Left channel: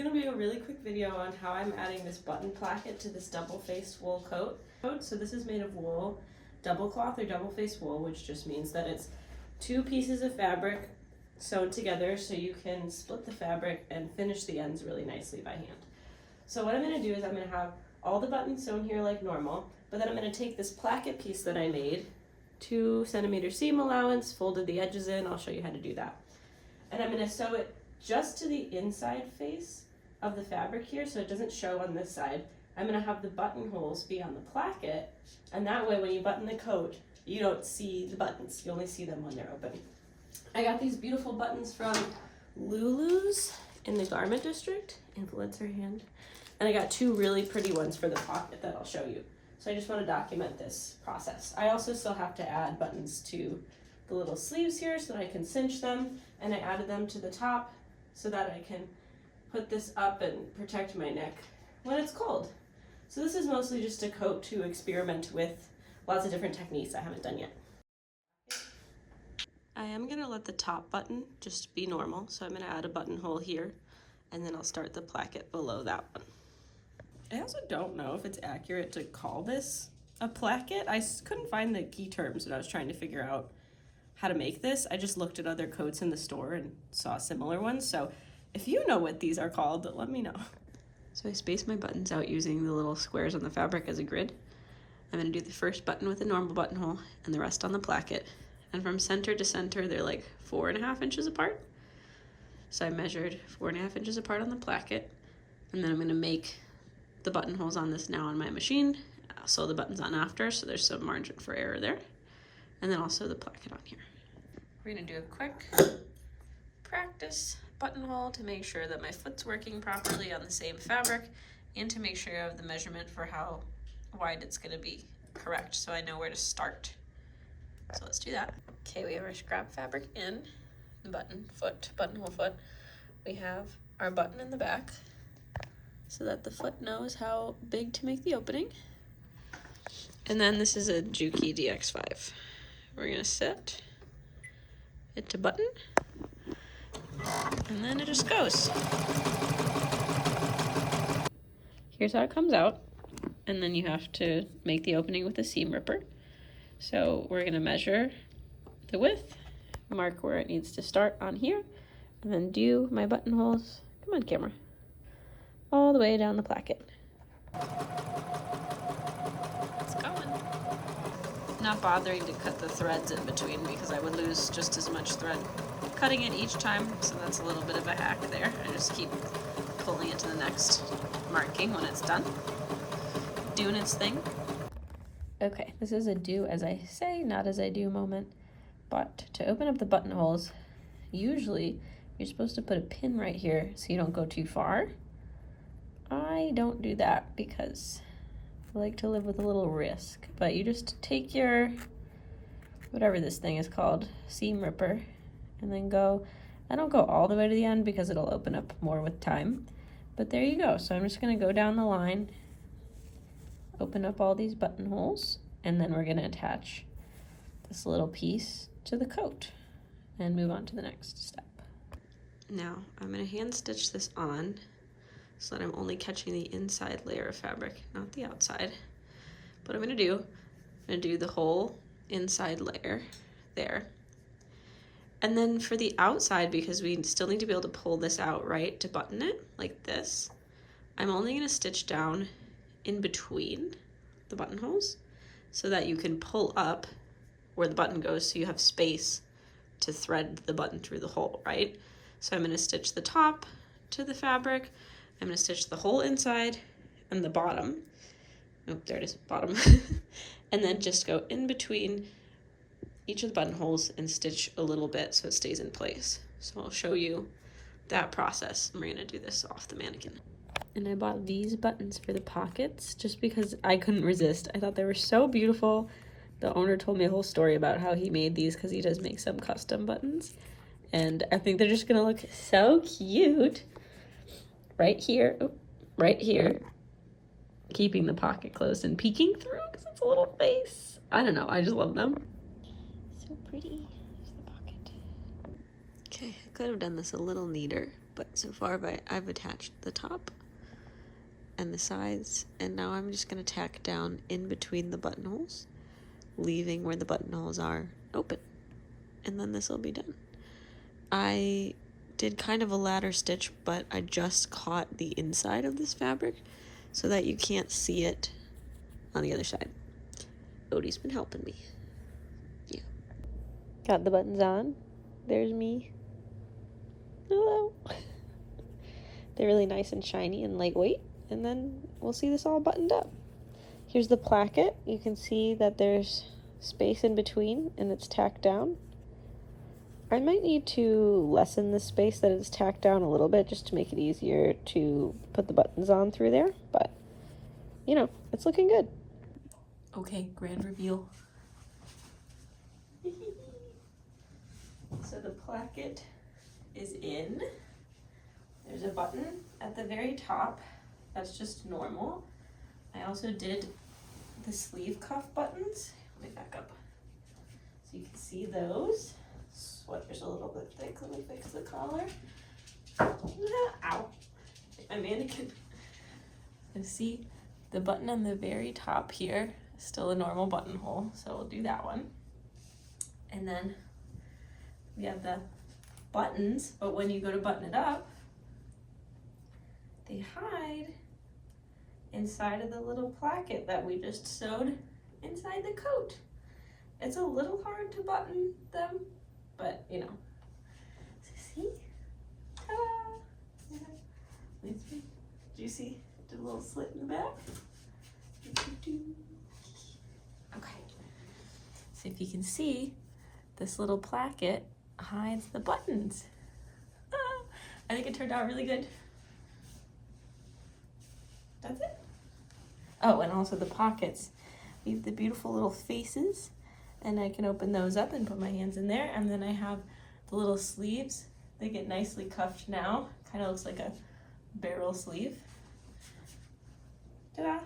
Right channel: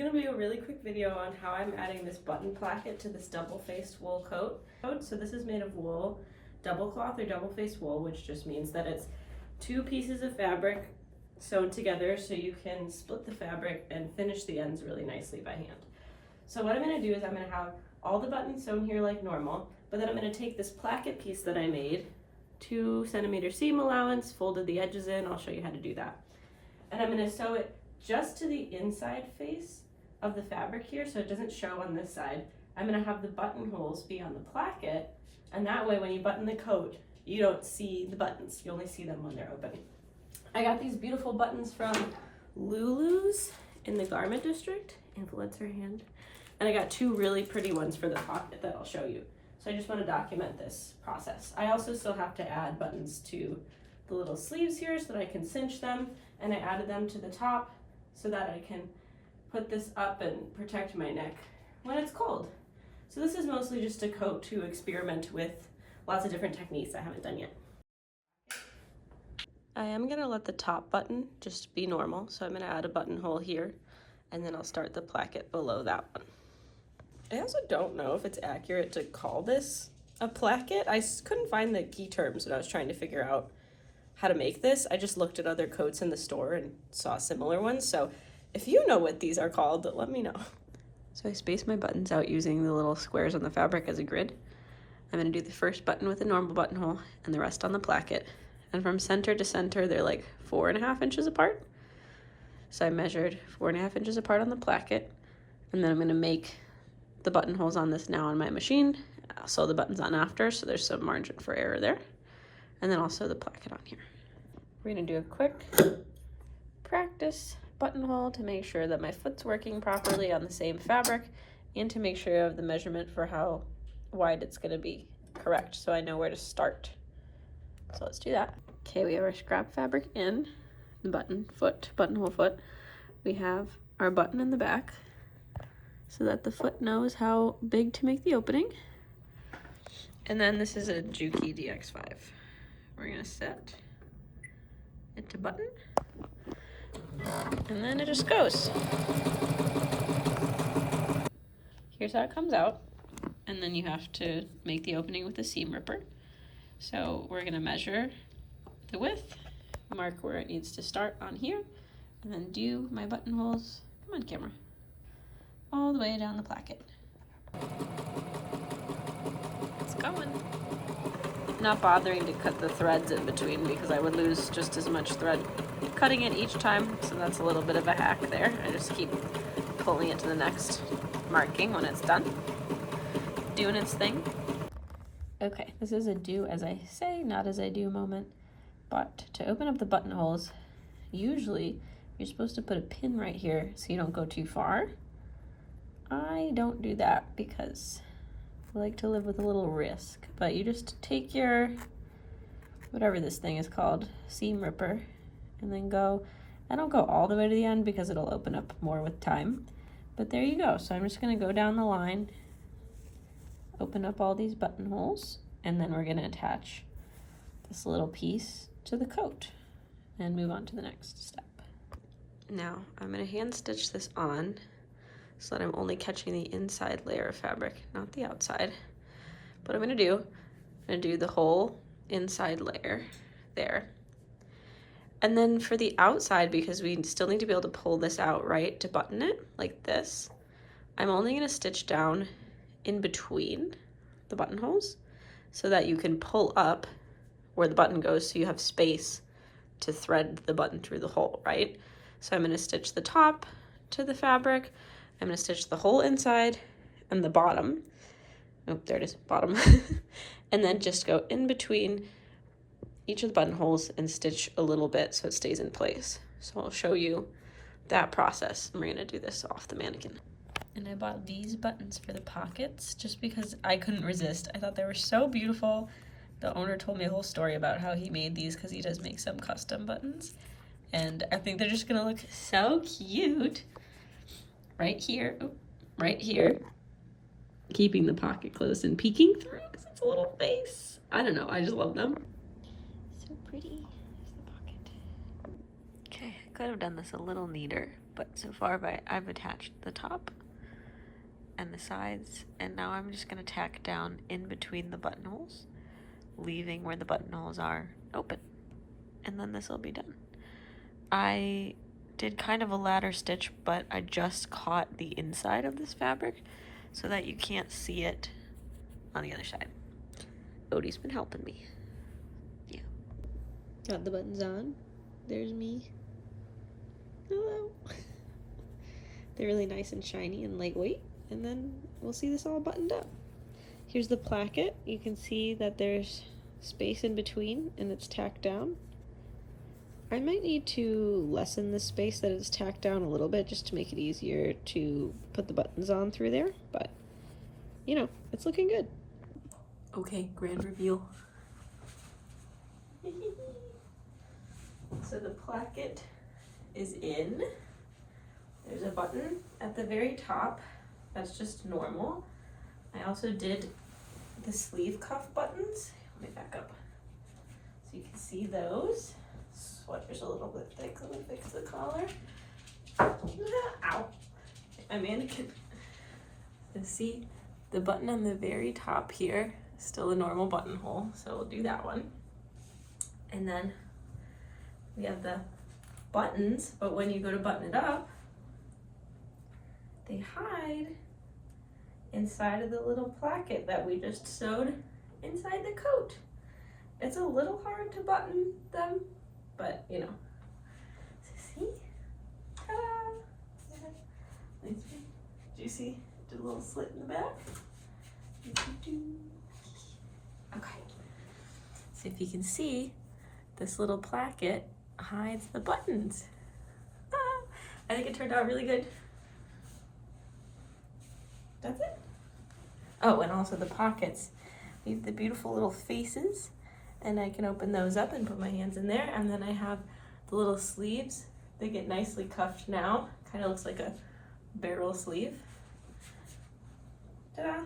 gonna be a really quick video on how I'm adding this button placket to this double-faced wool coat. So this is made of wool, double cloth or double-faced wool, which just means that it's 2 pieces of fabric sewn together so you can split the fabric and finish the ends really nicely by hand. So what I'm gonna do is I'm gonna have all the buttons sewn here like normal, but then I'm gonna take this placket piece that I made, 2 centimeter seam allowance, folded the edges in, I'll show you how to do that. And I'm gonna sew it just to the inside face of the fabric here so it doesn't show on this side. I'm gonna have the buttonholes be on the placket, and that way when you button the coat, you don't see the buttons, you only see them when they're open. I got these beautiful buttons from Lulu's in the garment district, influencer hand, and I got 2 really pretty ones for the pocket that I'll show you. So I just want to document this process. I also still have to add buttons to the little sleeves here so that I can cinch them, and I added them to the top so that I can put this up and protect my neck when it's cold. So this is mostly just a coat to experiment with lots of different techniques I haven't done yet. I am gonna let the top button just be normal, so I'm gonna add a buttonhole here, and then I'll start the placket below that one. I also don't know if it's accurate to call this a placket. I couldn't find the key terms when I was trying to figure out how to make this. I just looked at other coats in the store and saw similar ones, so if you know what these are called, let me know. So I spaced my buttons out using the little squares on the fabric as a grid. I'm gonna do the first button with a normal buttonhole and the rest on the placket. And from center to center, they're like 4.5 inches apart. So I measured 4.5 inches apart on the placket, and then I'm gonna make the buttonholes on this now on my machine. I'll sew the buttons on after, so there's some margin for error there. And then I'll sew the placket on here. We're gonna do a quick practice buttonhole to make sure that my foot's working properly on the same fabric, and to make sure I have the measurement for how wide it's gonna be correct, so I know where to start. So let's do that. Okay, we have our scrap fabric in, the buttonhole foot. We have our button in the back so that the foot knows how big to make the opening. And then this is a Juki DX5. We're gonna set it to button, and then it just goes. Here's how it comes out, and then you have to make the opening with a seam ripper. So we're gonna measure the width, mark where it needs to start on here, and then do my buttonholes, come on camera, all the way down the placket. It's going. Not bothering to cut the threads in between because I would lose just as much thread cutting it each time, so that's a little bit of a hack there. I just keep pulling it to the next marking when it's done, doing its thing. Okay, this is a do as I say, not as I do moment, but to open up the buttonholes, usually you're supposed to put a pin right here so you don't go too far. I don't do that because I like to live with a little risk, but you just take your, whatever this thing is called, seam ripper, and then go, I don't go all the way to the end because it'll open up more with time, but there you go. So I'm just gonna go down the line, open up all these buttonholes, and then we're gonna attach this little piece to the coat and move on to the next step. Now I'm gonna hand stitch this on so that I'm only catching the inside layer of fabric, not the outside. What I'm gonna do the whole inside layer there. And then for the outside, because we still need to be able to pull this out, right, to button it like this, I'm only gonna stitch down in between the buttonholes so that you can pull up where the button goes so you have space to thread the button through the hole, right? So I'm gonna stitch the top to the fabric, I'm gonna stitch the whole inside and the bottom. Oh, there it is, bottom. And then just go in between each of the buttonholes and stitch a little bit so it stays in place. So I'll show you that process. And we're gonna do this off the mannequin. And I bought these buttons for the pockets just because I couldn't resist. I thought they were so beautiful. The owner told me a whole story about how he made these because he does make some custom buttons. And I think they're just gonna look so cute. Right here, right here. Keeping the pocket closed and peeking through because it's a little face. I don't know, I just love them. So pretty. There's the pocket. Okay, I could have done this a little neater, but so far I've attached the top and the sides, and now I'm just going to tack down in between the buttonholes, leaving where the buttonholes are open, and then this will be done. I did kind of a ladder stitch, but I just caught the inside of this fabric so that you can't see it on the other side. Odie's been helping me. Yeah. Got the buttons on. There's me. Hello. They're really nice and shiny and lightweight, and then we'll see this all buttoned up. Here's the placket. You can see that there's space in between and it's tacked down. I might need to lessen the space that it's tacked down a little bit just to make it easier to put the buttons on through there, but you know, it's looking good. Okay, grand reveal. So the placket is in. There's a button at the very top. That's just normal. I also did the sleeve cuff buttons. Let me back up so you can see those. Sweater's a little bit thick. Let me fix the collar. Ow. My mannequin. You can see the button on the very top here is still a normal buttonhole, so we'll do that one. And then we have the buttons, but when you go to button it up, they hide inside of the little placket that we just sewed inside the coat. It's a little hard to button them, but you know. So see? Ta-da! Do you see the little slit in the back? Okay. So if you can see, this little placket hides the buttons. I think it turned out really good. That's it. Oh, and also the pockets. We have the beautiful little faces, and I can open those up and put my hands in there, and then I have the little sleeves. They get nicely cuffed now. Kind of looks like a barrel sleeve. Ta-da!